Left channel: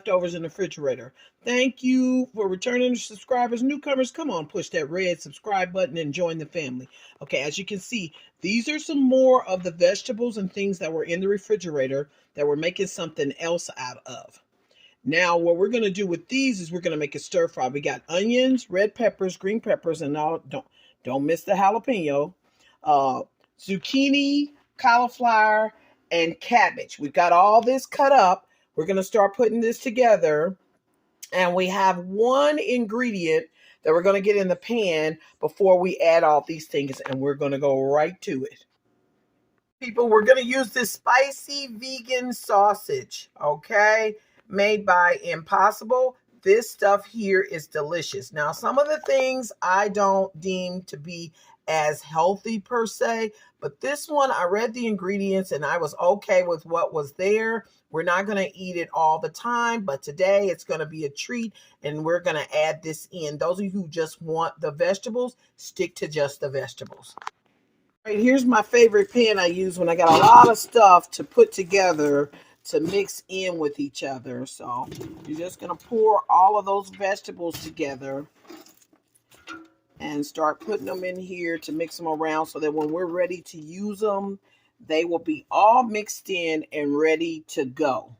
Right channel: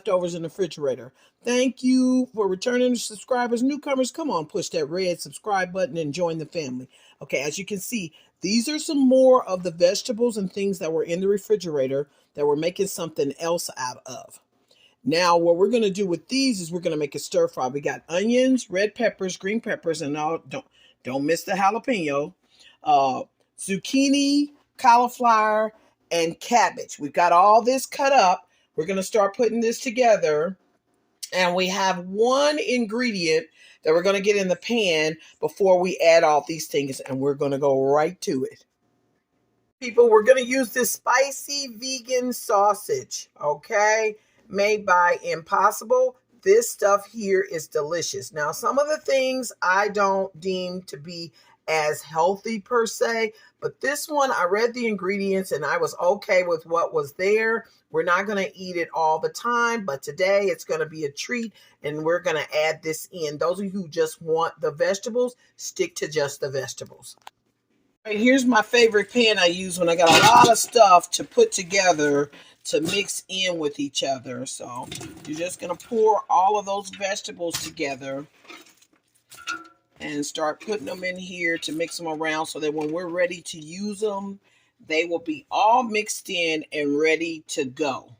leftovers in the refrigerator. Thank you for returning subscribers. Newcomers, come on, push that red subscribe button and join the family. Okay, as you can see, these are some more of the vegetables and things that were in the refrigerator that we're making something else out of. Now, what we're going to do with these is we're going to make a stir fry. We got onions, red peppers, green peppers, and all. Don't miss the jalapeno. Zucchini, cauliflower, and cabbage. We've got all this cut up. We're going to start putting this together. And we have one ingredient that we're going to get in the pan before we add all these things. And we're going to go right to it. People, we're going to use this spicy vegan sausage, okay? Made by Impossible. This stuff here is delicious. Now, some of the things I don't deem to be as healthy per se, but this one, I read the ingredients and I was okay with what was there. We're not going to eat it all the time, but today it's going to be a treat and we're going to add this in. Those of you who just want the vegetables, stick to just the vegetables. All right, here's my favorite pan I use when I got a lot of stuff to put together to mix in with each other. So you're just going to pour all of those vegetables together and start putting them in here to mix them around so that when we're ready to use them, they will be all mixed in and ready to go.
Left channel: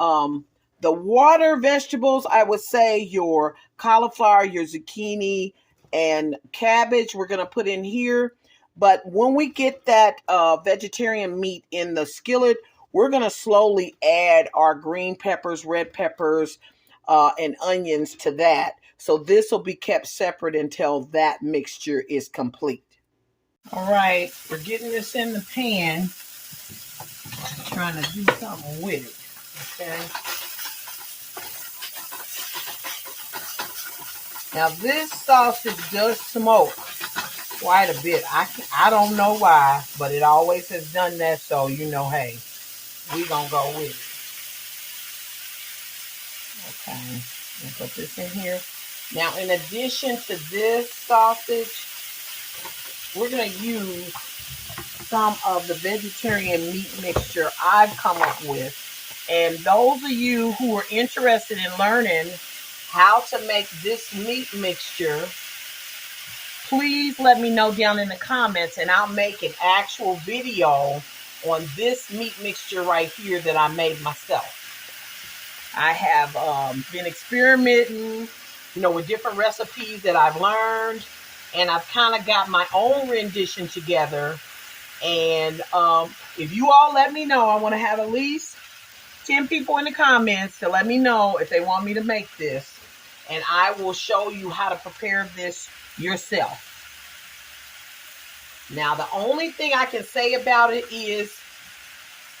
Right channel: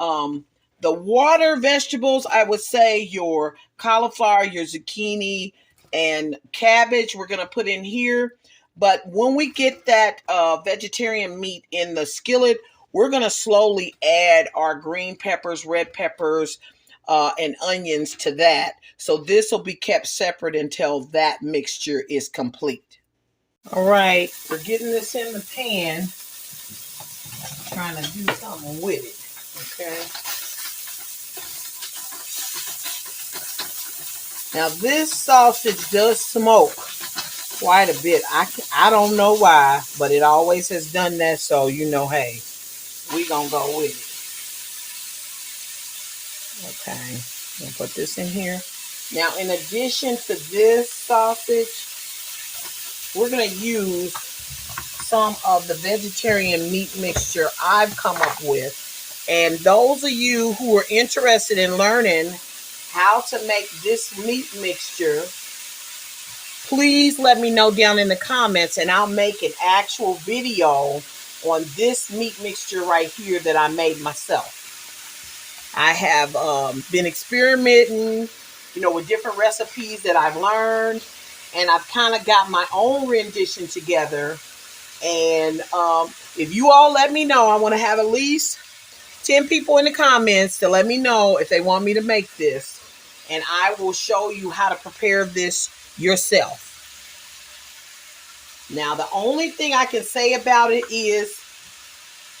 The water vegetables, I would say your cauliflower, your zucchini, and cabbage we're going to put in here. But when we get that vegetarian meat in the skillet, we're going to slowly add our green peppers, red peppers, and onions to that. So this will be kept separate until that mixture is complete. All right, we're getting this in the pan. Trying to do something with it, okay? Now this sausage does smoke quite a bit. I don't know why, but it always has done that. So, you know, hey, we gonna go with it. Okay, we'll put this in here. Now, in addition to this sausage, we're gonna use some of the vegetarian meat mixture I've come up with. And those of you who are interested in learning how to make this meat mixture, please let me know down in the comments and I'll make an actual video on this meat mixture right here that I made myself. I have been experimenting, you know, with different recipes that I've learned, and I've kind of got my own rendition together. And if you all let me know, I want to have at least 10 people in the comments to let me know if they want me to make this, and I will show you how to prepare this yourself. Now, the only thing I can say about it is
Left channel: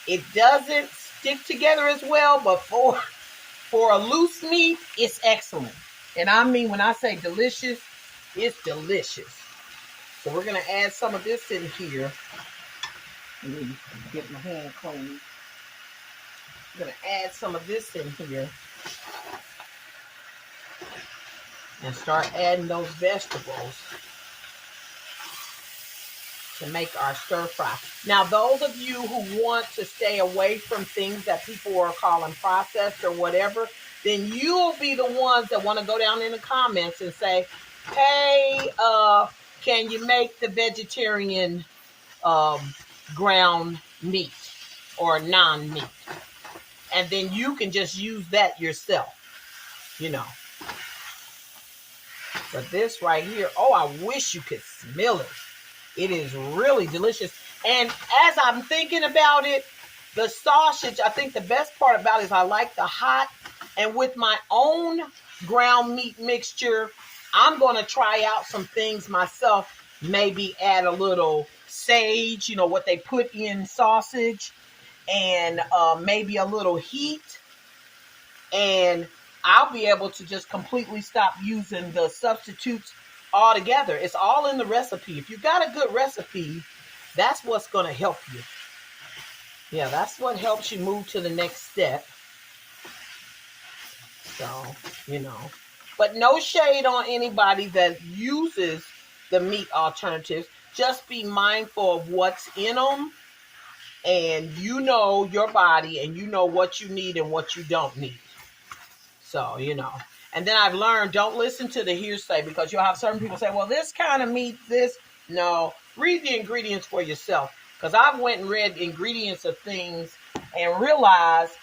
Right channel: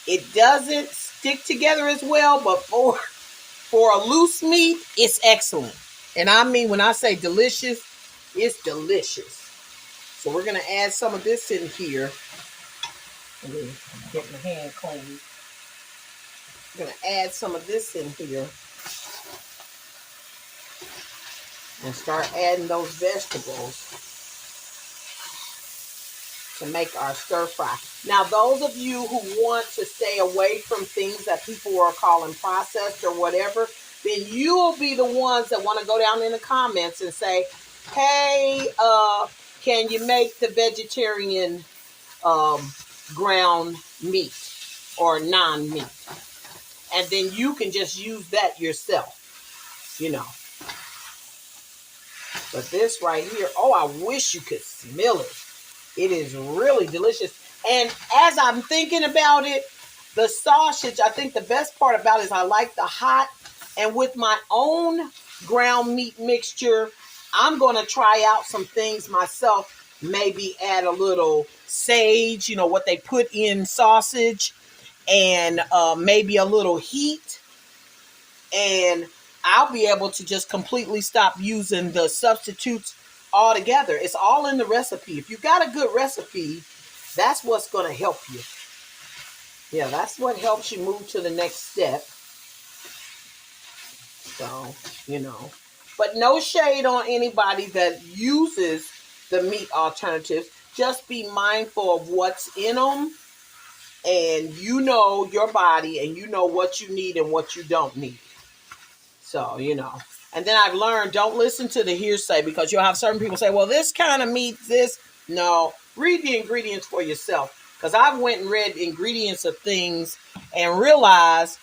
it doesn't stick together as well, but for a loose meat, it's excellent. And I mean, when I say delicious, it's delicious. So we're going to add some of this in here. Let me get my hand clean. I'm going to add some of this in here. And start adding those vegetables to make our stir fry. Now, those of you who want to stay away from things that people are calling processed or whatever, then you'll be the ones that want to go down in the comments and say, hey, can you make the vegetarian ground meat or non-meat? And then you can just use that yourself, you know. But this right here, oh, I wish you could smell it. It is really delicious. And as I'm thinking about it, the sausage, I think the best part about it is I like the hot. And with my own ground meat mixture, I'm going to try out some things myself. Maybe add a little sage, you know, what they put in sausage, and maybe a little heat. And I'll be able to just completely stop using the substitutes altogether. It's all in the recipe. If you got a good recipe, that's what's going to help you. Yeah, that's what helps you move to the next step. So, you know, but no shade on anybody that uses the meat alternatives. Just be mindful of what's in them, and you know your body and you know what you need and what you don't need. So, and then I've learned, don't listen to the hearsay, because you'll have certain people say, well, this kind of meat, this. No, read the ingredients for yourself. Because I've went and read ingredients of things and realized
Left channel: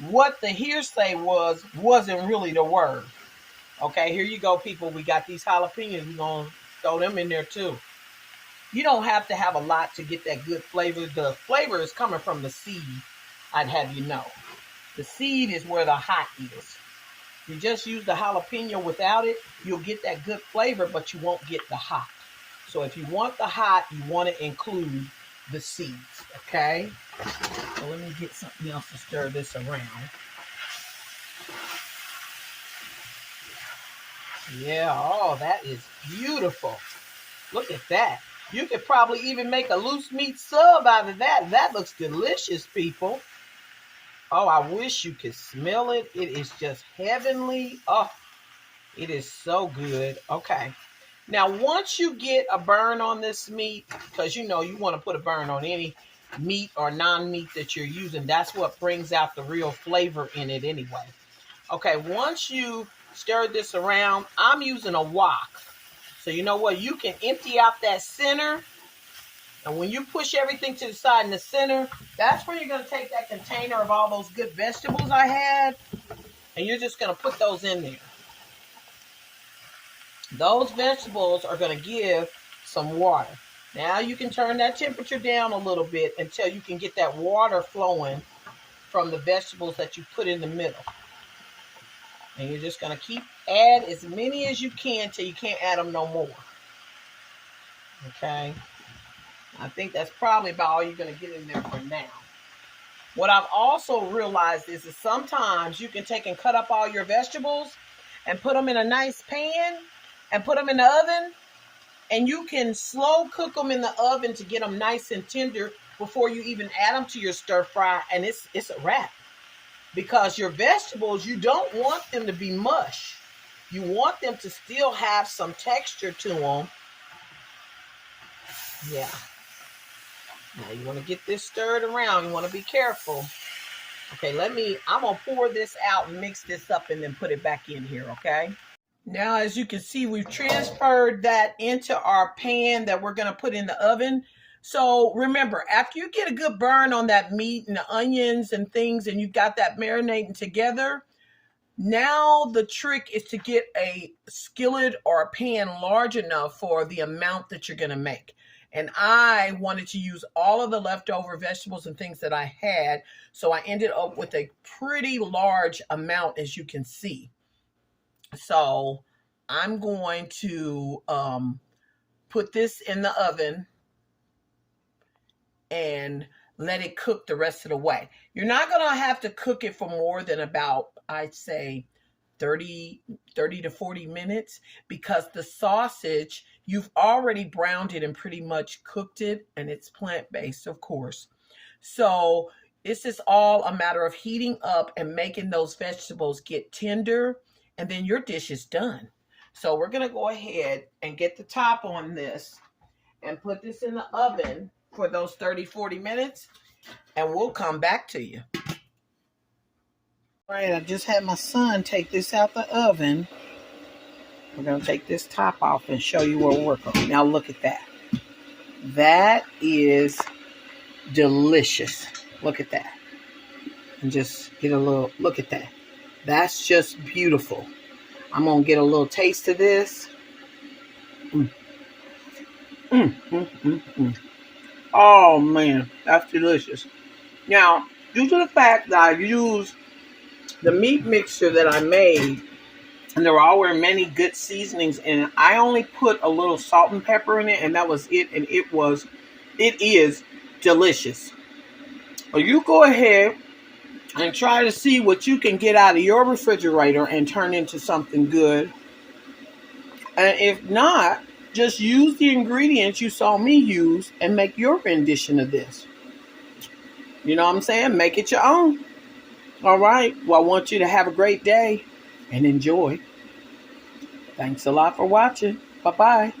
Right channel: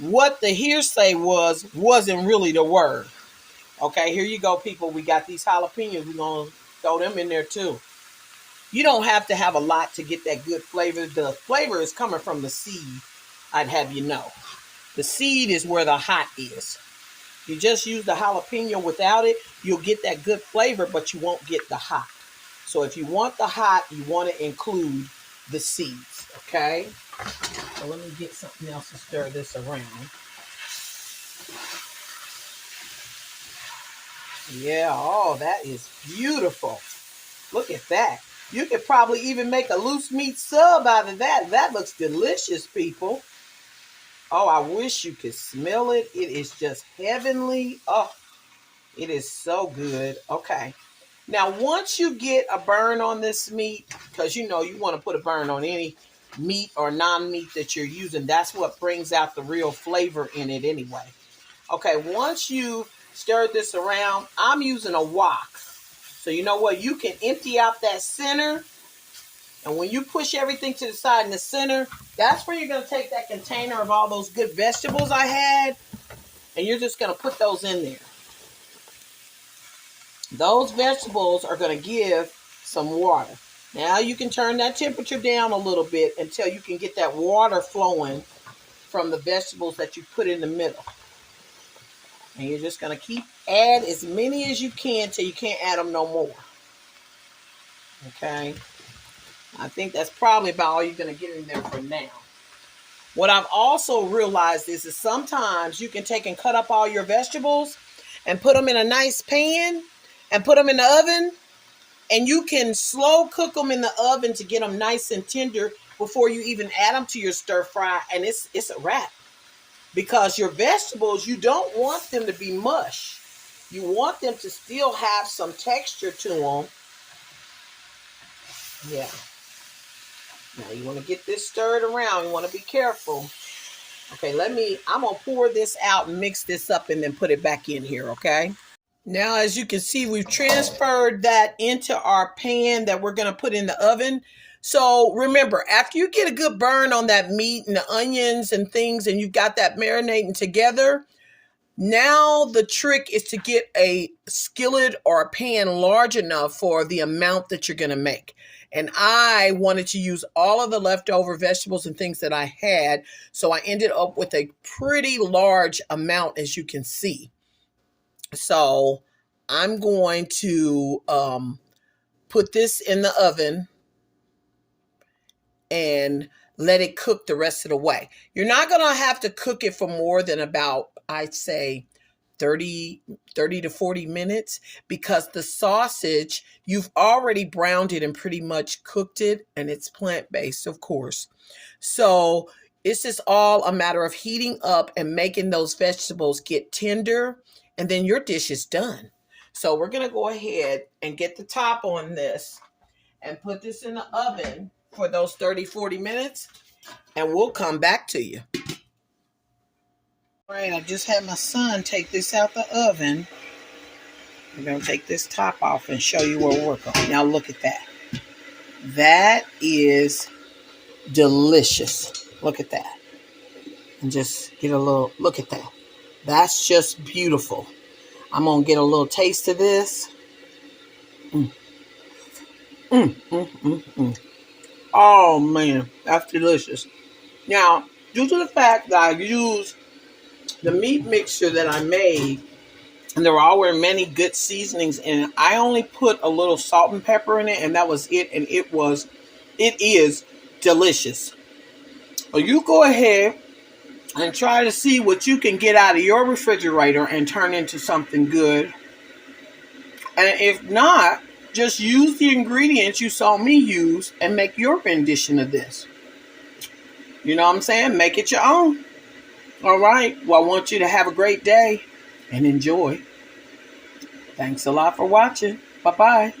what the hearsay wasn't really the word. Okay, here you go, people. We got these jalapenos. We're going to throw them in there too. You don't have to have a lot to get that good flavor. The flavor is coming from the seed, I'd have you know. The seed is where the hot is. You just use the jalapeno without it, you'll get that good flavor, but you won't get the hot. So if you want the hot, you want to include the seeds, okay? So let me get something else to stir this around. Yeah, oh, that is beautiful. Look at that. You could probably even make a loose meat sub out of that. That looks delicious, people. Oh, I wish you could smell it. It is just heavenly. Oh, it is so good. Okay. Now, once you get a burn on this meat, because you want to put a burn on any meat or non-meat that you're using. That's what brings out the real flavor in it anyway. Okay, once you stir this around, I'm using a wok. So you know what? You can empty out that center. And when you push everything to the side in the center, that's where you're going to take that container of all those good vegetables I had. And you're just going to put those in there. Those vegetables are going to give some water. Now you can turn that temperature down a little bit until you can get that water flowing from the vegetables that you put in the middle. And you're just going to add as many as you can till you can't add them no more. Okay. I think that's probably about all you're going to get in there for now. What I've also realized is that sometimes you can take and cut up all your vegetables and put them in a nice pan and put them in the oven. And you can slow cook them in the oven to get them nice and tender before you even add them to your stir fry. And it's a wrap. Because your vegetables, you don't want them to be mush. You want them to still have some texture to them. Yeah. Now you want to get this stirred around. You want to be careful. Okay, I'm going to pour this out and mix this up and then put it back in here, okay? Now, as you can see, we've transferred that into our pan that we're going to put in the oven. So remember, after you get a good burn on that meat and the onions and things, and you've got that marinating together, now the trick is to get a skillet or a pan large enough for the amount that you're going to make. And I wanted to use all of the leftover vegetables and things that I had. So I ended up with a pretty large amount, as you can see. So I'm going to put this in the oven and let it cook the rest of the way. You're not going to have to cook it for more than about, I'd say, 30 to 40 minutes, because the sausage, you've already browned it and pretty much cooked it, and it's plant-based, of course. So it's just all a matter of heating up and making those vegetables get tender, and then your dish is done. So we're going to go ahead and get the top on this and put this in the oven for those 30-40 minutes, and we'll come back to you. All right, I just had my son take this out the oven. We're going to take this top off and show you what we're working on. Now look at that. That is delicious. Look at that. And just get a little, look at that. That's just beautiful. I'm going to get a little taste of this. Oh, man, that's delicious. Now, due to the fact that I used the meat mixture that I made, and there were many good seasonings in it, I only put a little salt and pepper in it, and that was it, and it is delicious. Well, you go ahead and try to see what you can get out of your refrigerator and turn into something good. And if not, just use the ingredients you saw me use and make your rendition of this. You know what I'm saying? Make it your own. All right. Well, I want you to have a great day and enjoy. Thanks a lot for watching. Bye-bye.